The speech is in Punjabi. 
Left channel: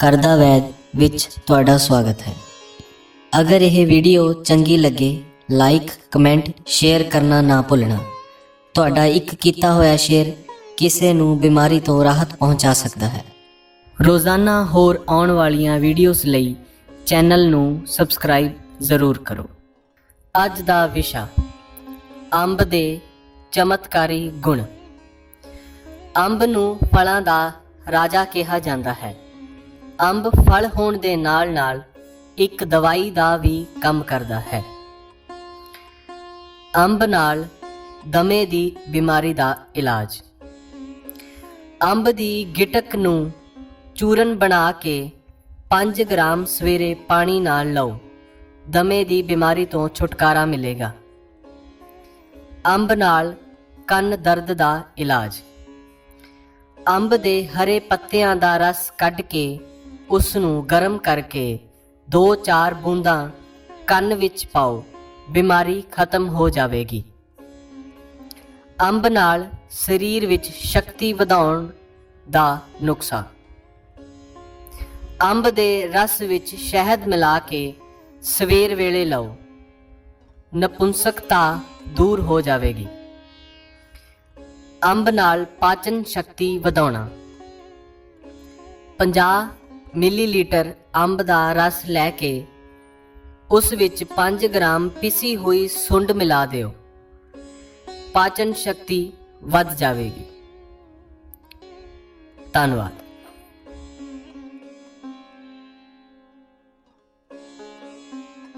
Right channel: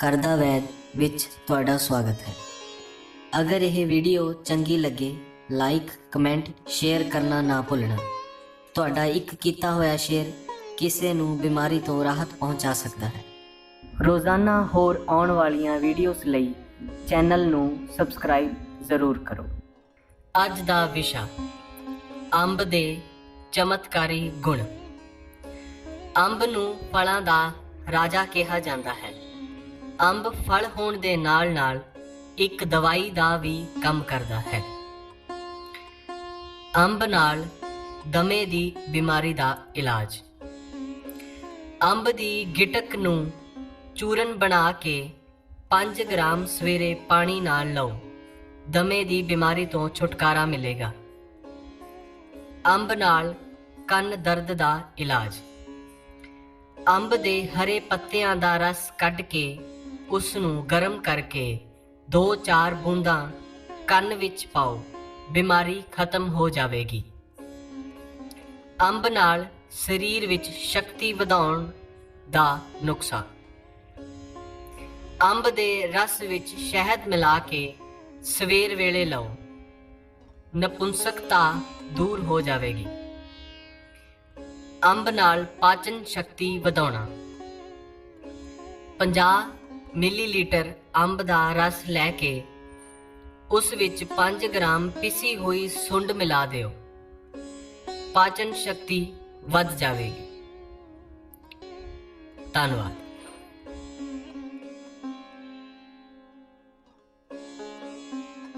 ਕਰਦਾ ਵੈਦ ਵਿੱਚ ਤੁਹਾਡਾ ਸਵਾਗਤ ਹੈ। ਅਗਰ ਇਹ ਵੀਡੀਓ ਚੰਗੀ ਲੱਗੇ ਲਾਈਕ ਕਮੈਂਟ ਸ਼ੇਅਰ ਕਰਨਾ ਨਾ ਭੁੱਲਣਾ। ਤੁਹਾਡਾ ਇੱਕ ਕੀਤਾ ਹੋਇਆ ਸ਼ੇਅਰ ਕਿਸੇ ਨੂੰ ਬਿਮਾਰੀ ਤੋਂ ਰਾਹਤ ਪਹੁੰਚਾ ਸਕਦਾ ਹੈ। ਰੋਜ਼ਾਨਾ ਹੋਰ ਆਉਣ ਵਾਲੀਆਂ ਵੀਡੀਓਜ਼ ਲਈ ਚੈਨਲ ਨੂੰ ਸਬਸਕ੍ਰਾਈਬ ਜ਼ਰੂਰ ਕਰੋ। ਅੱਜ ਦਾ ਵਿਸ਼ਾ, ਅੰਬ ਦੇ ਚਮਤਕਾਰੀ ਗੁਣ। ਅੰਬ ਨੂੰ ਫਲਾਂ ਦਾ ਰਾਜਾ ਕਿਹਾ ਜਾਂਦਾ ਹੈ। ਅੰਬ ਫਲ ਹੋਣ ਦੇ ਨਾਲ-ਨਾਲ ਇੱਕ ਦਵਾਈ ਦਾ ਵੀ ਕੰਮ ਕਰਦਾ ਹੈ। ਅੰਬ ਨਾਲ ਦਮੇ ਦੀ ਬਿਮਾਰੀ ਦਾ ਇਲਾਜ। ਅੰਬ ਦੀ ਗਿਟਕ ਨੂੰ ਚੂਰਨ ਬਣਾ ਕੇ 5 ਗ੍ਰਾਮ ਸਵੇਰੇ ਪਾਣੀ ਨਾਲ ਲਓ। ਦਮੇ ਦੀ ਬਿਮਾਰੀ ਤੋਂ ਛੁਟਕਾਰਾ ਮਿਲੇਗਾ। ਅੰਬ ਨਾਲ ਕੰਨ ਦਰਦ ਦਾ ਇਲਾਜ। ਅੰਬ ਦੇ ਹਰੇ ਪੱਤਿਆਂ ਦਾ ਰਸ ਕੱਢ ਕੇ ਉਸ ਨੂੰ ਗਰਮ ਕਰਕੇ 2-4 ਬੂੰਦਾਂ ਕੰਨ ਵਿੱਚ ਪਾਓ, ਬਿਮਾਰੀ ਖਤਮ ਹੋ ਜਾਵੇਗੀ। ਅੰਬ ਨਾਲ ਸਰੀਰ ਵਿੱਚ ਸ਼ਕਤੀ ਵਧਾਉਣ ਦਾ ਨੁਕਸਾ। ਅੰਬ ਦੇ ਰਸ ਵਿੱਚ ਸ਼ਹਿਦ ਮਿਲਾ ਕੇ ਸਵੇਰ ਵੇਲੇ ਲਓ। ਨਪੁੰਸਕਤਾ ਦੂਰ ਹੋ ਜਾਵੇਗੀ। ਅੰਬ ਨਾਲ ਪਾਚਨ ਸ਼ਕਤੀ ਵਧਾਉਣਾ। 50 ਮਿਲੀਲੀਟਰ ਅੰਬ ਦਾ ਰਸ ਲੈ ਕੇ ਉਸ ਵਿੱਚ 5 ਗ੍ਰਾਮ ਪਿਸੀ ਹੋਈ ਸੁੰਡ ਮਿਲਾ ਦਿਓ। ਪਾਚਨ ਸ਼ਕਤੀ ਵੱਧ ਜਾਵੇਗੀ। ਧੰਨਵਾਦ।